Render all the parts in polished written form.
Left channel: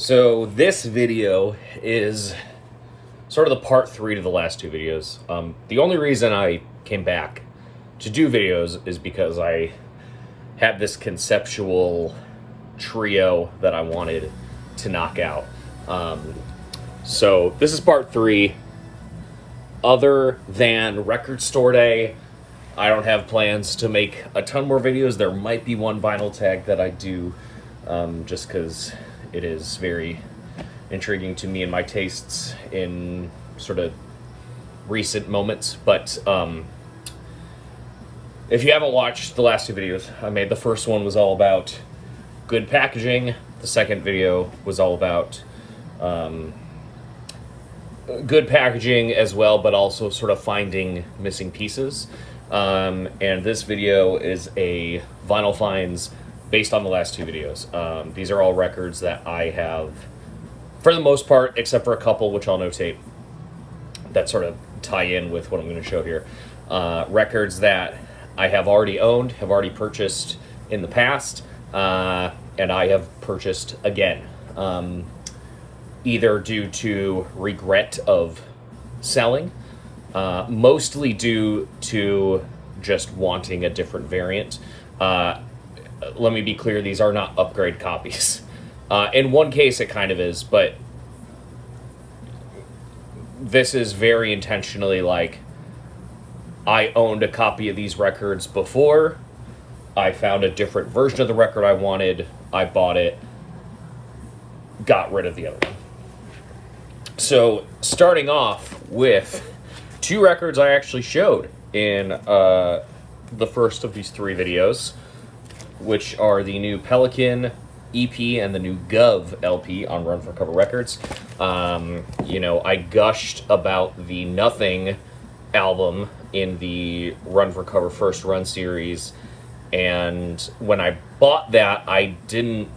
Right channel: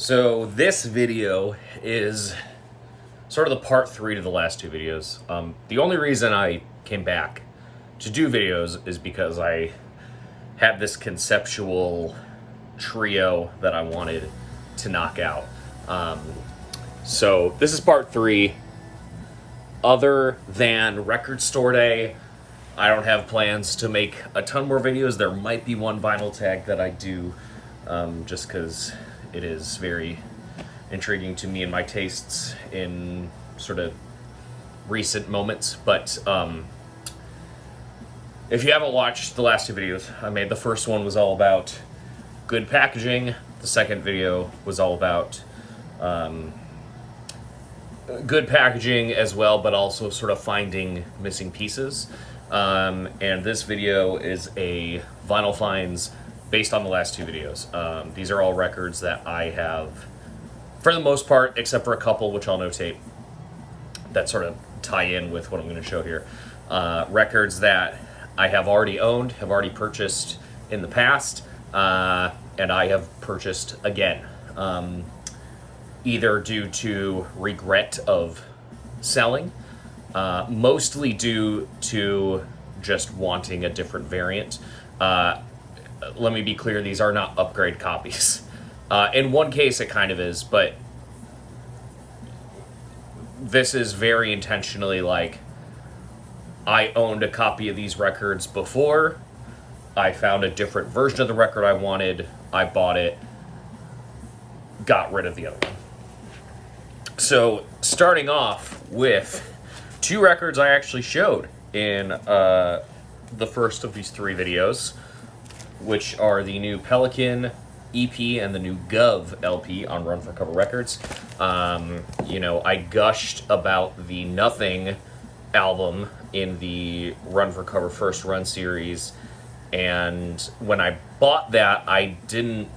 So this video is sort of the part 3 to the last two videos. The only reason I came back to do videos is because I had this conceptual trio that I wanted to knock out. So this is part 3. Other than Record Store Day, I don't have plans to make a ton more videos. There might be one vinyl tag that I do, just because it is very intriguing to me and my tastes in sort of recent moments. But if you haven't watched the last two videos I made, the first one was all about good packaging. The second video was all about good packaging as well, but also sort of finding missing pieces. And this video is a vinyl finds based on the last two videos. These are all records that I have, for the most part, except for a couple which I'll notate that sort of tie in with what I'm going to show here. Records that I have already owned, have already purchased in the past, and I have purchased again. Either due to regret of selling, mostly due to just wanting a different variant. Let me be clear, these are not upgrade copies. In one case it kind of is, but this is very intentionally like, I owned a copy of these records before, I found a different version of the record I wanted, I bought it, got rid of the other one. So, starting off with two records I actually showed in the first of these three videos, which are the new Pelican EP and the new Gov LP on Run for Cover Records. I gushed about the Nothing album in the Run for Cover First Run series, and when I bought that, I didn't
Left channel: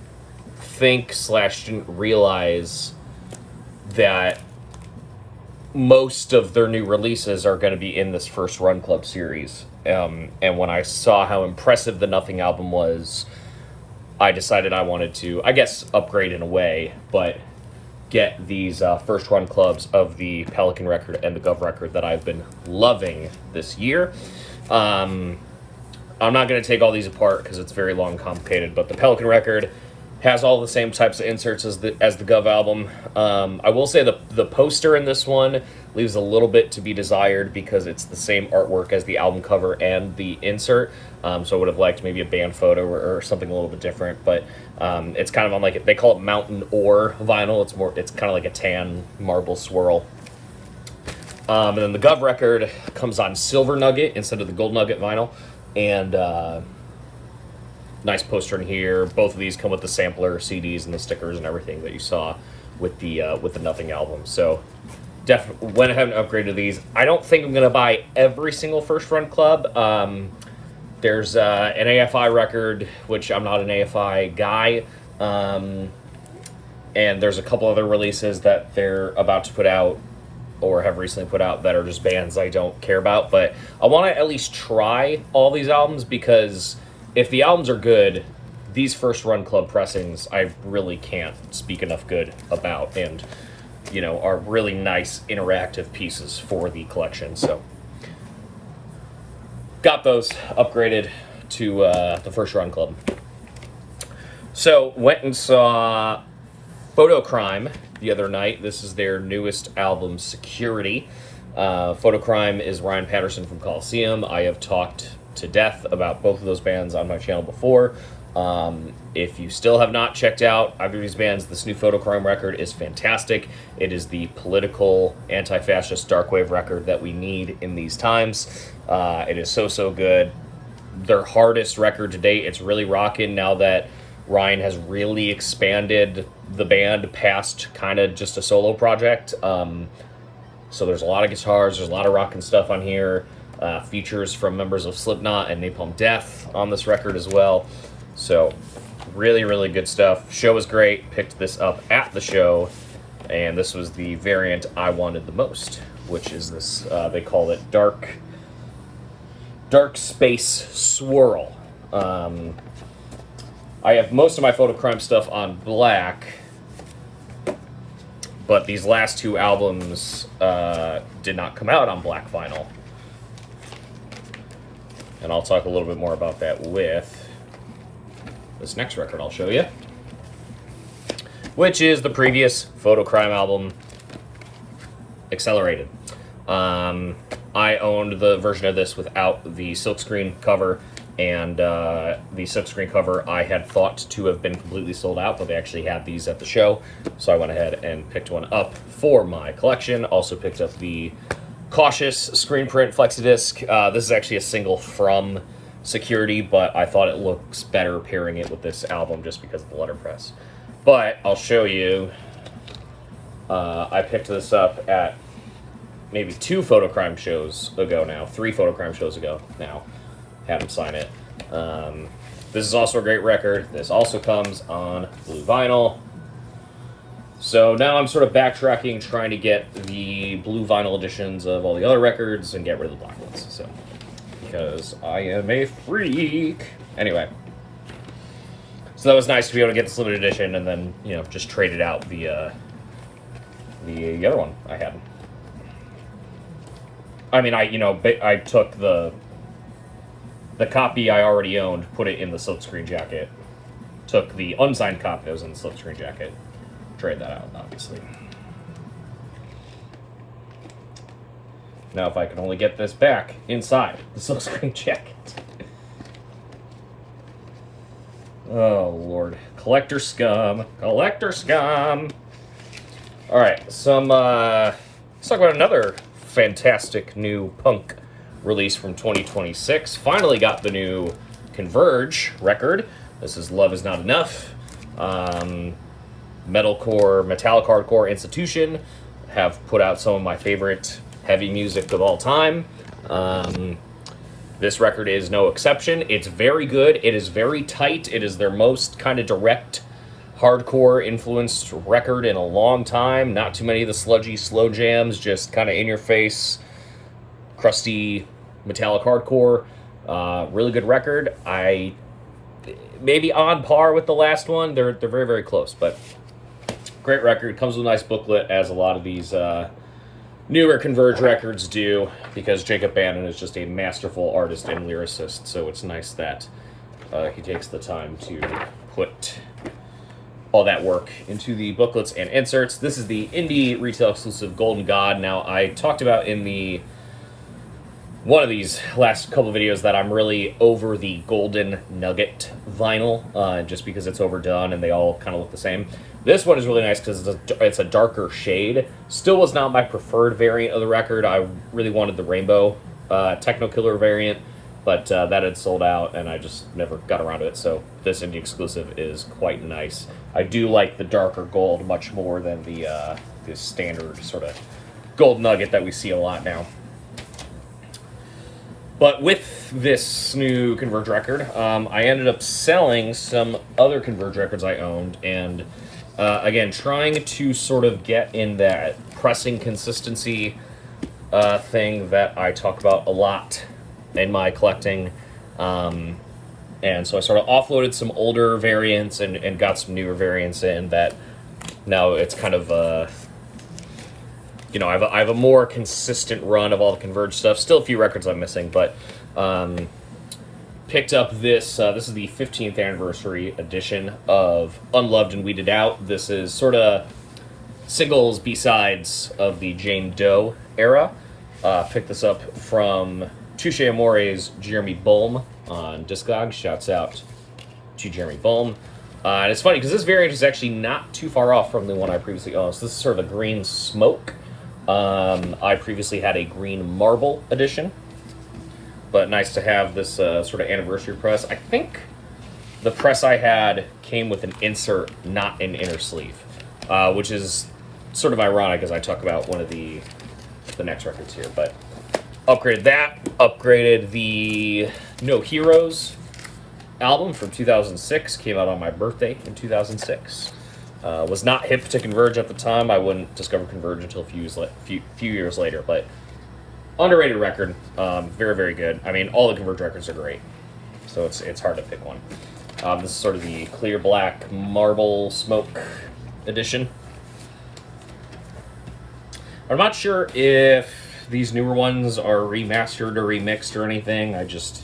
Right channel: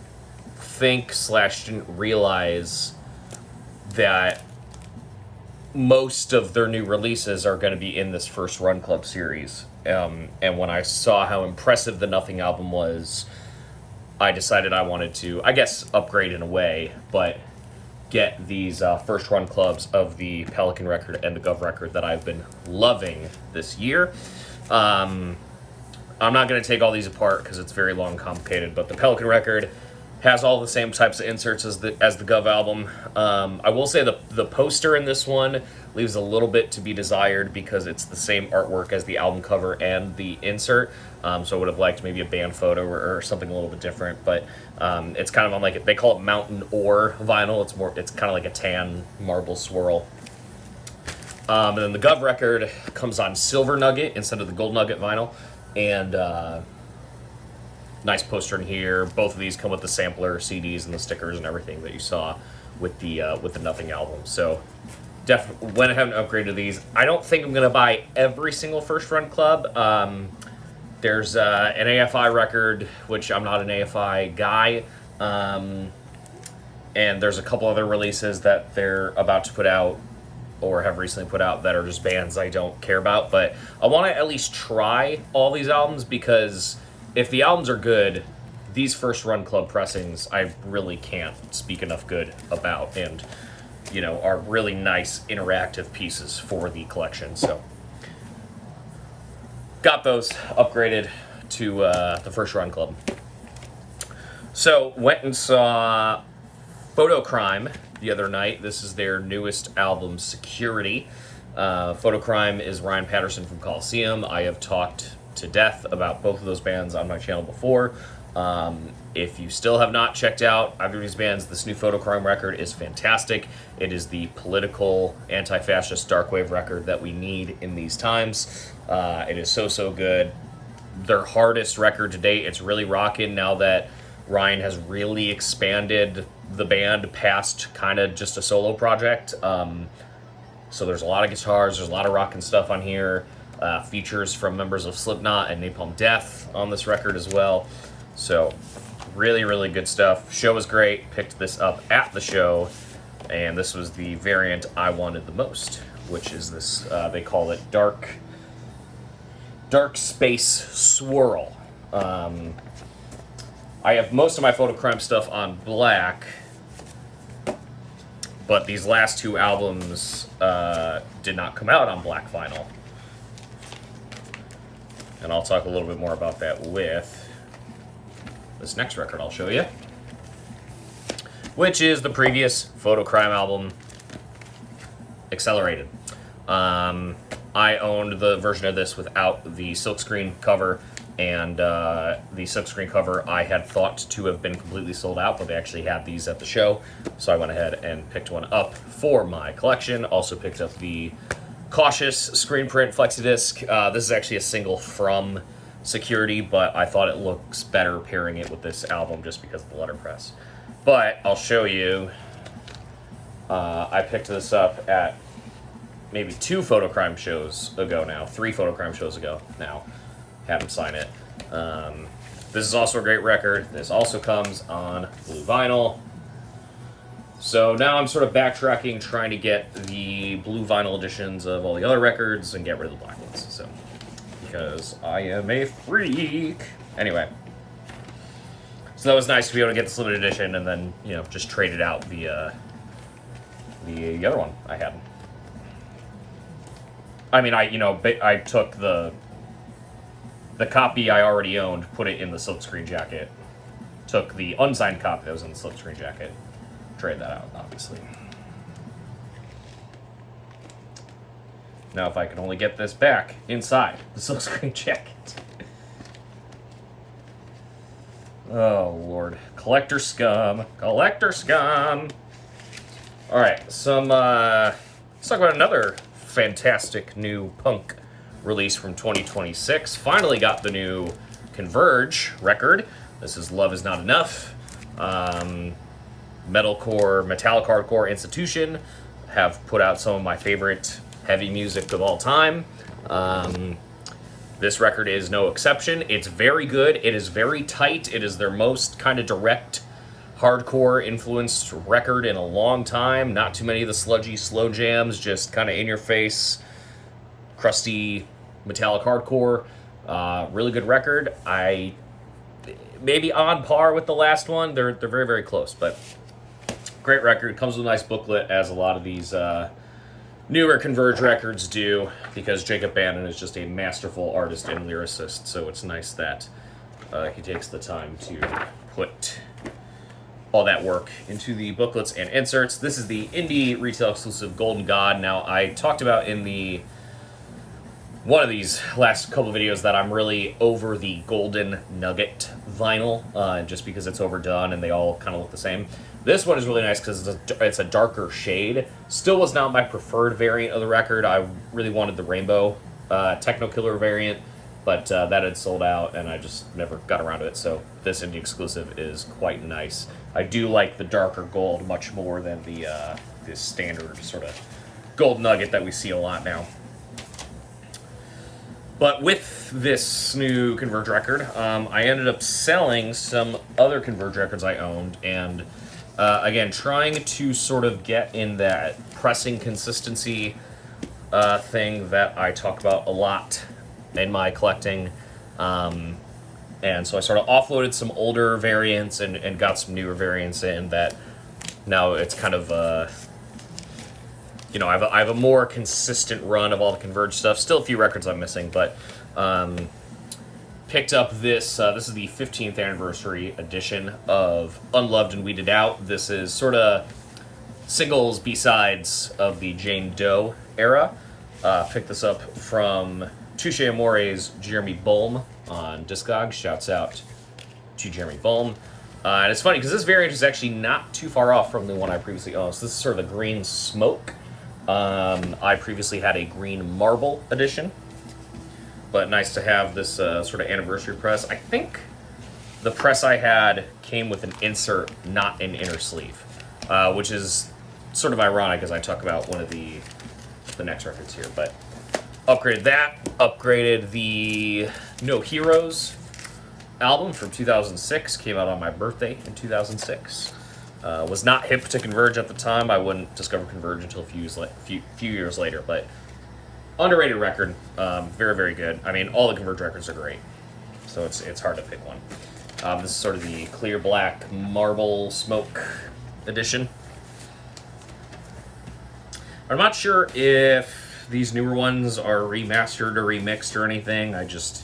realize that most of their new releases are going to be in this first Run Club series. And when I saw how impressive the Nothing album was, I decided I wanted to, I guess, upgrade in a way, but get these first Run Clubs of the Pelican record and the Gov record that I've been loving this year. I'm not going to take all these apart because it's very long and complicated, but the Pelican record has all the same types of inserts as the Gov album. I will say the poster in this one leaves a little bit to be desired because it's the same artwork as the album cover and the insert. So I would have liked maybe a band photo or something a little bit different. But it's kind of on like, they call it mountain ore vinyl. It's kind of like a tan marble swirl. And then the Gov record comes on Silver Nugget instead of the Gold Nugget vinyl. And nice poster in here. Both of these come with the sampler CDs and the stickers and everything that you saw with the Nothing album. So definitely went ahead and upgraded these. I don't think I'm going to buy every single First Run Club. There's an AFI record, which I'm not an AFI guy. And there's a couple other releases that they're about to put out or have recently put out that are just bands I don't care about. But I want to at least try all these albums because if the albums are good, these First Run Club pressings I really can't speak enough good about, and are really nice interactive pieces for the collection. So got those upgraded to the First Run Club. So went and saw Photocrime the other night. This is their newest album, Security. Photocrime is Ryan Patterson from Coliseum. I have talked to death about both of those bands on my channel before. If you still have not checked out either of these bands, this new Photocrime record is fantastic. It is the political, anti-fascist dark wave record that we need in these times. It is so good. Their hardest record to date. It's really rocking now that Ryan has really expanded the band past kind of just a solo project. So there's a lot of guitars, there's a lot of rocking stuff on here. Features from members of Slipknot and Napalm Death on this record as well. So really good stuff. Show was great. Picked this up at the show, and this was the variant I wanted the most, which is this, they call it Dark Space Swirl. I have most of my Photocrime stuff on black, But these last two albums did not come out on black vinyl. And I'll talk a little bit more about that with this next record I'll show you, which is the previous Photocrime album, Accelerated. I owned the version of this without the silkscreen cover, and the silkscreen cover I had thought to have been completely sold out, but they actually had these at the show, so I went ahead and picked one up for my collection. Also picked up the Cautious screen print flexidisc. This is actually a single from Security, but I thought it looks better pairing it with this album just because of the letterpress. But I'll show you. I picked this up at maybe 2 Photocrime shows ago now, 3 Photocrime shows ago now. Had him sign it. This is also a great record. This also comes on blue vinyl. So now I'm sort of backtracking, trying to get the blue vinyl editions of all the other records and get rid of the black ones. So, because I am a freak. Anyway. So that was nice to be able to get this limited edition and then, you know, just trade it out the other one I had. I mean, I took the copy I already owned, put it in the silkscreen jacket. Took the unsigned copy that was in the silkscreen jacket. Trade that out, obviously. Now, if I can only get this back inside the silkscreen jacket. Oh, Lord. Collector scum. Collector scum. Alright, let's talk about another fantastic new punk release from 2026. Finally got the new Converge record. This is Love Is Not Enough. Metalcore, metallic hardcore institution have put out some of my favorite heavy music of all time. This record is no exception. It's very good. It is very tight. It is their most kind of direct hardcore influenced record in a long time. Not too many of the sludgy slow jams, just kind of in your face, crusty metallic hardcore. Really good record. Maybe on par with the last one. They're very, very close, but great record. Comes with a nice booklet, as a lot of these newer Converge records do, because Jacob Bannon is just a masterful artist and lyricist, so it's nice that he takes the time to put all that work into the booklets and inserts. This is the indie retail exclusive Golden God. Now, I talked about in one of these last couple videos that I'm really over the Golden Nugget vinyl, just because it's overdone and they all kind of look the same. This one is really nice because it's a darker shade. Still was not my preferred variant of the record. I really wanted the Rainbow Techno Killer variant, but that had sold out and I just never got around to it. So this indie exclusive is quite nice. I do like the darker gold much more than the standard sort of gold nugget that we see a lot now. But with this new Converge record, I ended up selling some other Converge records I owned, and again, trying to sort of get in that pressing consistency thing that I talk about a lot in my collecting. And so I sort of offloaded some older variants and got some newer variants in that now it's kind of I have a more consistent run of all the Converge stuff. Still a few records I'm missing, but picked up this. This is the 15th anniversary edition of Unloved and Weeded Out. This is sort of singles, B-sides of the Jane Doe era. Picked this up from Touche Amore's Jeremy Bulm on Discogs. Shouts out to Jeremy Bulm. And it's funny because this variant is actually not too far off from the one I previously owned. So this is sort of a green smoke. I previously had a green marble edition, but nice to have this sort of anniversary press. I think the press I had came with an insert, not an inner sleeve, which is sort of ironic as I talk about one of the next records here. But upgraded that, upgraded the No Heroes album from 2006, came out on my birthday in 2006. Was not hip to Converge at the time. I wouldn't discover Converge until a few years later, but underrated record. Very, very good. I mean, all the Converge records are great, so it's hard to pick one. This is sort of the clear black marble smoke edition. I'm not sure if these newer ones are remastered or remixed or anything. I just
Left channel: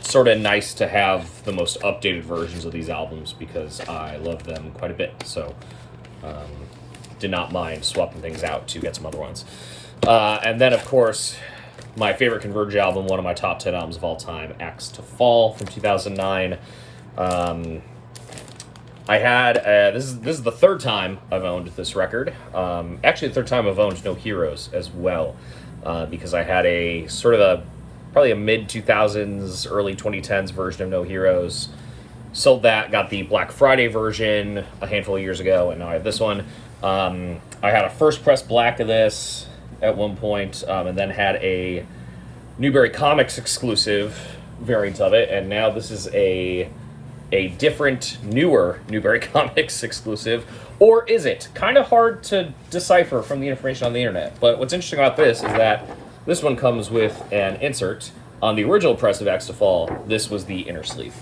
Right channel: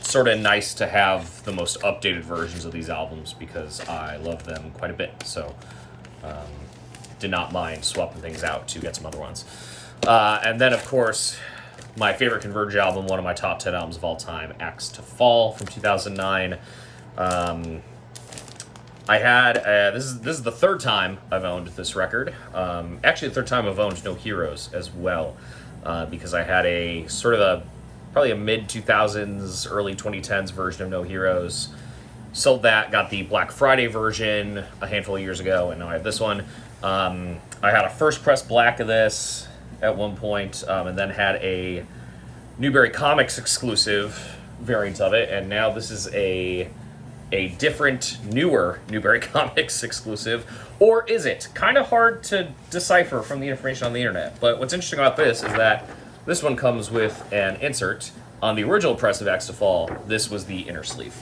sort of nice to have the most updated versions of these albums because I love them quite a bit. So um, did not mind swapping things out to get some other ones. And then, of course, my favorite Converge album, one of my top 10 albums of all time, Axe to Fall from 2009. I had this is the third time I've owned this record. Actually, the third time I've owned No Heroes as well, because I had a sort of probably a mid 2000s, early 2010s version of No Heroes. Sold that, got the Black Friday version a handful of years ago, and now I have this one. I had a first press black of this at one point, and then had a Newberry Comics exclusive variant of it, and now this is a different, newer Newberry Comics exclusive, or is it? Kind of hard to decipher from the information on the internet, but what's interesting about this is that this one comes with an insert. On the original press of Axe to Fall, this was the inner sleeve.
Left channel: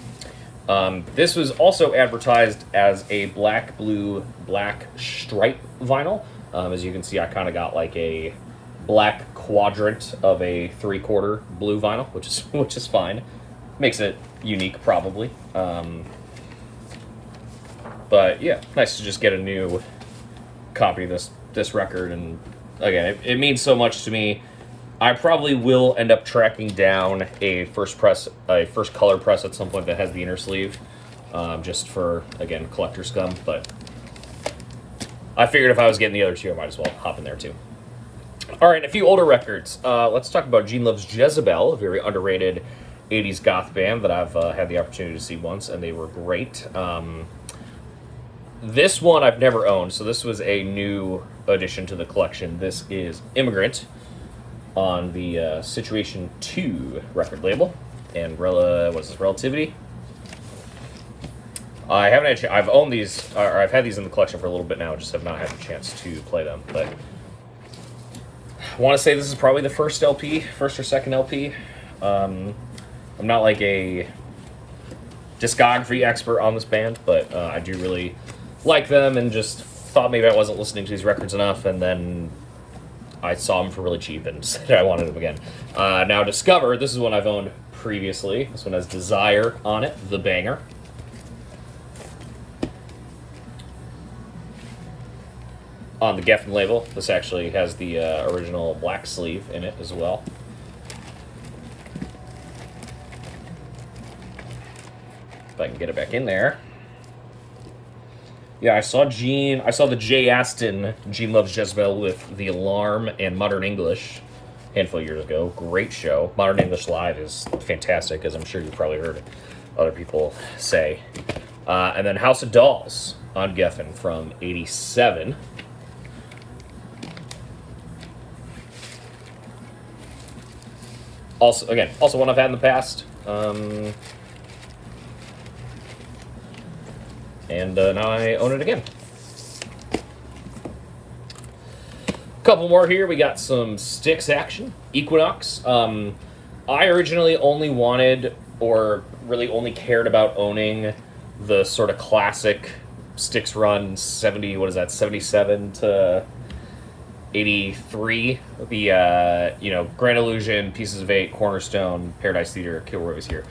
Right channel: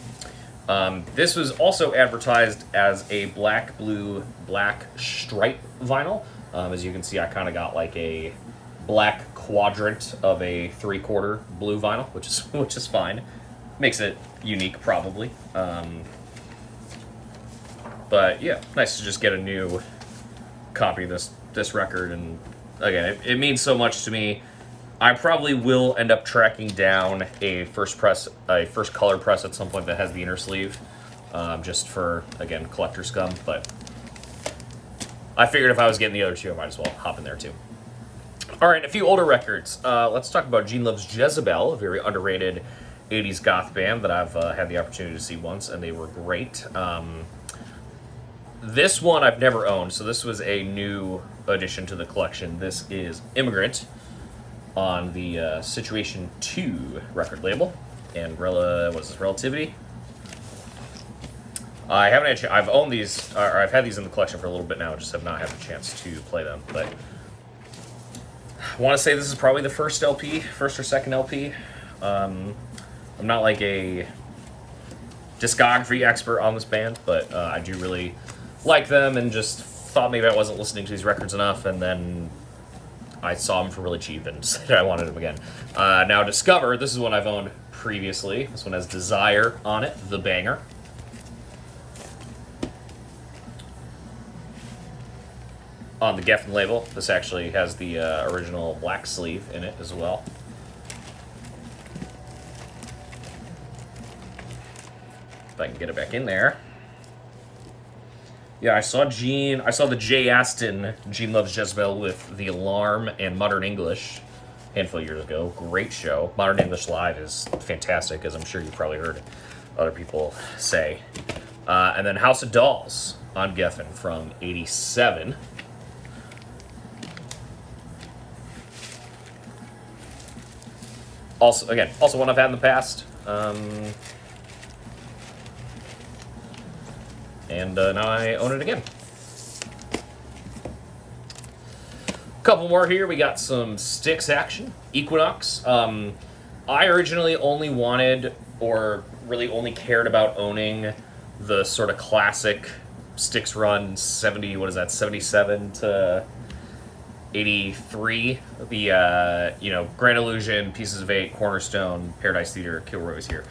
This was also advertised as a black, blue, black stripe vinyl. As you can see, I kind of got like a black quadrant of a 3/4 blue vinyl, which is fine. Makes it unique, probably. But yeah, nice to just get a new copy of this record, and again, it means so much to me. I probably will end up tracking down a first color press at some point that has the inner sleeve, just for, again, collector scum. But I figured if I was getting the other two, I might as well hop in there too. All right, a few older records. Let's talk about Gene Loves Jezebel, a very underrated 80s goth band that I've had the opportunity to see once, and they were great. This one I've never owned, so this was a new addition to the collection. This is Immigrant on the Situation 2 record label, and Relativity. I haven't had I've owned these, or I've had these in the collection for a little bit now, just have not had the chance to play them, but I want to say this is probably the first or second LP. I'm not like a discography expert on this band, but I do really like them, and just thought maybe I wasn't listening to these records enough, and then I saw them for really cheap and decided I wanted them again. Now Discover, this is one I've owned previously. This one has Desire on it, the banger. On the Geffen label, this actually has the original black sleeve in it as well. If I can get it back in there. Yeah, I saw the Jay Aston Gene Loves Jezebel with The Alarm and Modern English a handful of years ago. Great show. Modern English Live is fantastic, as I'm sure you've probably heard other people say. And then House of Dolls on Geffen from '87. Also one I've had in the past. And now I own it again. Couple more here. We got some Styx action. Equinox. I originally only wanted, or really only cared about owning the sort of classic Styx run 77 to 83. The Grand Illusion, Pieces of Eight, Cornerstone, Paradise Theater, Kilroy was here.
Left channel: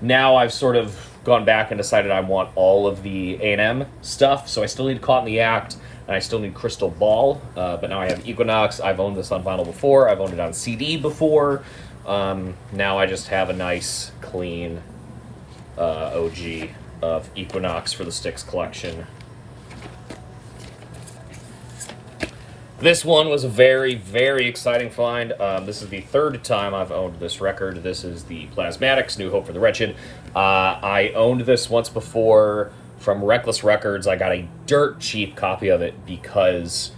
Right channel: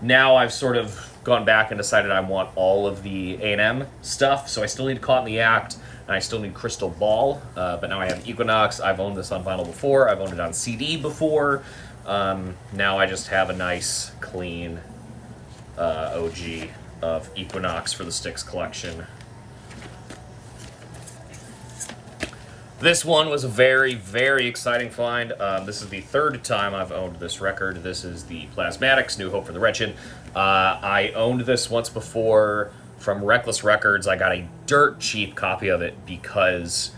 Now I've sort of gone back and decided I want all of the A&M stuff, so I still need Caught in the Act, and I still need Crystal Ball, but now I have Equinox. I've owned this on vinyl before, I've owned it on CD before. Now I just have a nice, clean OG of Equinox for the Styx collection. This one was a very, very exciting find. This is the third time I've owned this record. This is the Plasmatics, New Hope for the Wretched. I owned this once before from Reckless Records. I got a dirt cheap copy of it because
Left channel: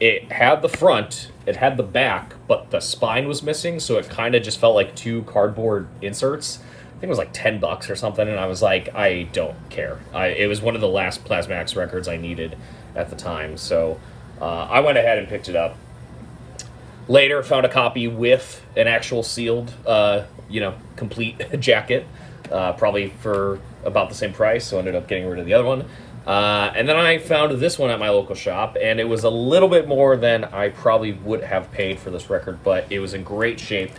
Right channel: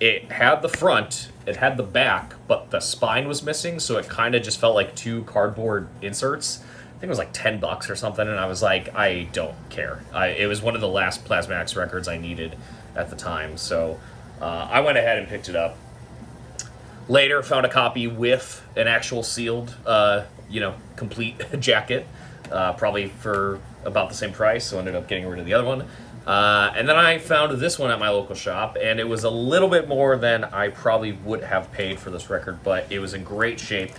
it had the front, it had the back, but the spine was missing, so it kind of just felt like two cardboard inserts. I think it was like $10 or something, and I was like, I don't care. It was one of the last Plasmatics records I needed at the time, so I went ahead and picked it up. Later, found a copy with an actual sealed, complete jacket, probably for about the same price, so ended up getting rid of the other one. And then I found this one at my local shop, and it was a little bit more than I probably would have paid for this record, but it was in great shape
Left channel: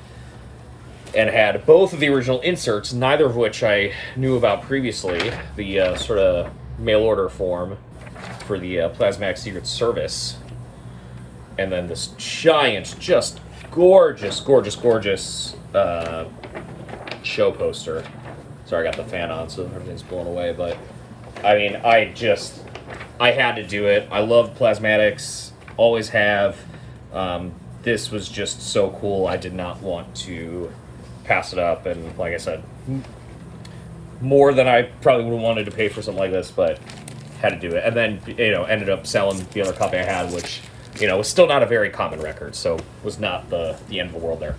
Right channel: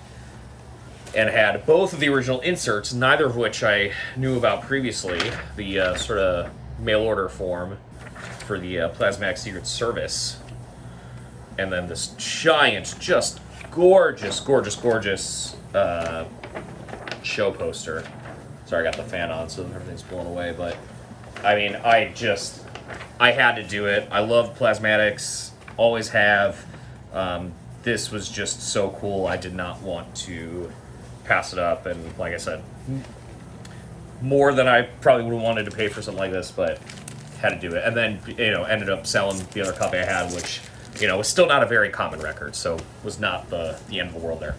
and had both of the original inserts, neither of which I knew about previously. The sort of mail order form for the Plasmatic Secret Service. And then this giant, just gorgeous, gorgeous, gorgeous show poster. Sorry, I got the fan on, so everything's blown away, but I mean, I had to do it. I love Plasmatics, always have. This was just so cool. I did not want to pass it up, and like I said, more than I probably would have wanted to pay for something like this, but had to do it. And then, ended up selling the other copy I had, which, was still not a very common record, so was not the end of the world there.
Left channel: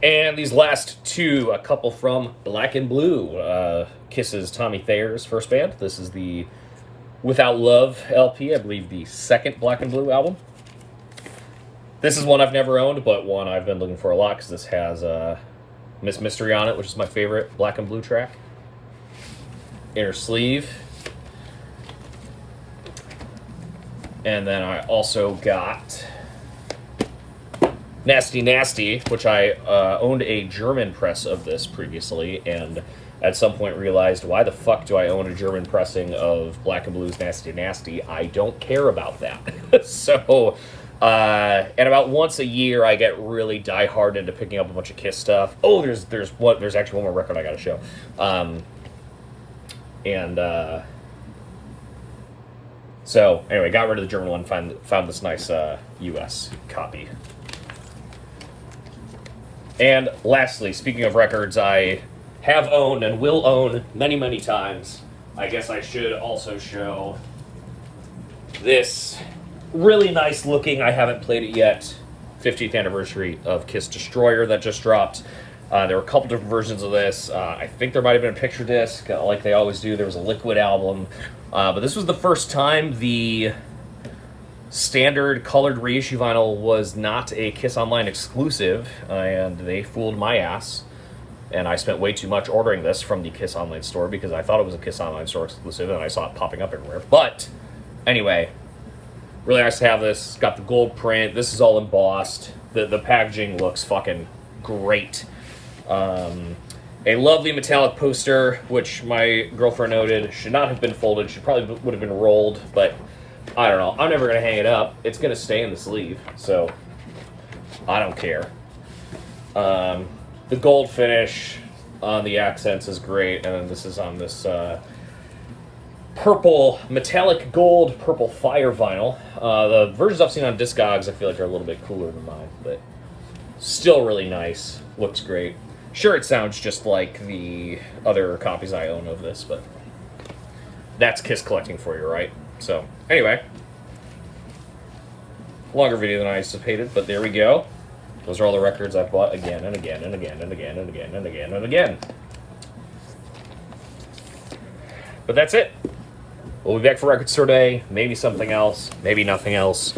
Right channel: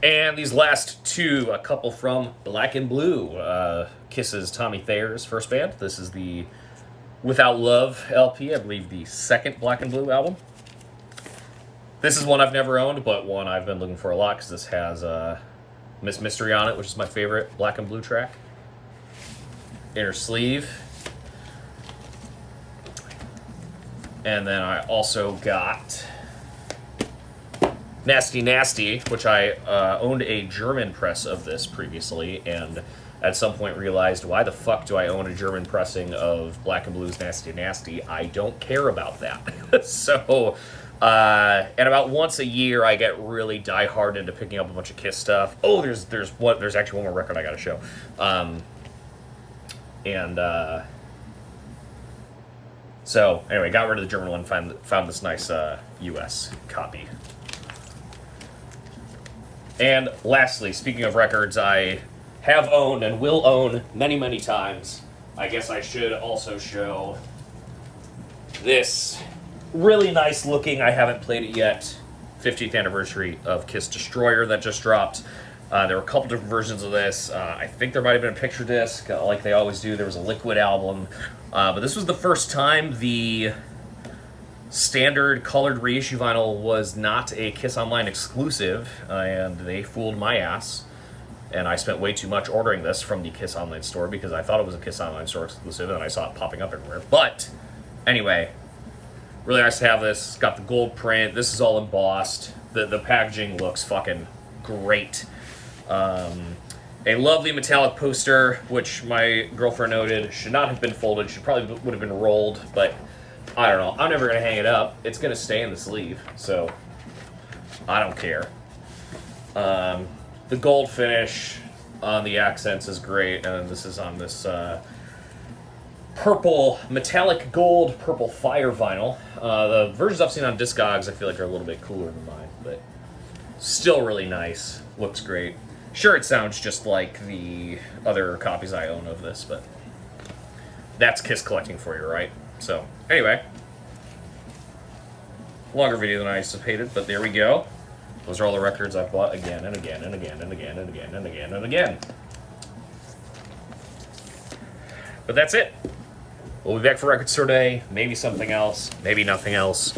And these last two, a couple from Black and Blue. Kiss's Tommy Thayer's first band. This is the Without Love LP, I believe the second Black and Blue album. This is one I've never owned, but one I've been looking for a lot because this has Miss Mystery on it, which is my favorite Black and Blue track. Inner sleeve. And then I also got Nasty Nasty, which I owned a German press of this previously, and at some point realized, why the fuck do I own a German pressing of Black and Blue's Nasty Nasty? I don't care about that. So, and about once a year, I get really die-hard into picking up a bunch of Kiss stuff. Oh, there's actually one more record I gotta show. So, anyway, got rid of the German one, found this nice US copy. And lastly, speaking of records I have owned and will own many, many times, I guess I should also show this really nice looking, I haven't played it yet, 50th anniversary of Kiss Destroyer that just dropped. There were a couple different versions of this. I think there might have been a picture disc, like they always do. There was a Liquid album. But this was the first time the standard colored reissue vinyl was not a Kiss Online exclusive, and they fooled my ass. And I spent way too much ordering this from the Kiss Online store because I thought it was a Kiss Online store exclusive, and I saw it popping up everywhere. But anyway, really nice to have this. It's got the gold print. This is all embossed. The packaging looks fucking great. A lovely metallic poster, which my girlfriend noted should not have been folded. She probably would have been rolled, but I don't know. I'm never going to hang it up. It's going to stay in the sleeve, so I don't care. The gold finish on the accents is great, and then this is on this purple, metallic gold, purple fire vinyl. The versions I've seen on Discogs I feel like are a little bit cooler than mine, but still really nice. Looks great. Sure, it sounds just like the other copies I own of this, but that's Kiss collecting for you, right? So, anyway. Longer video than I anticipated, but there we go. Those are all the records I've bought again and again and again and again and again and again and again. But that's it. We'll be back for Record Store Day. Maybe something else. Maybe nothing else.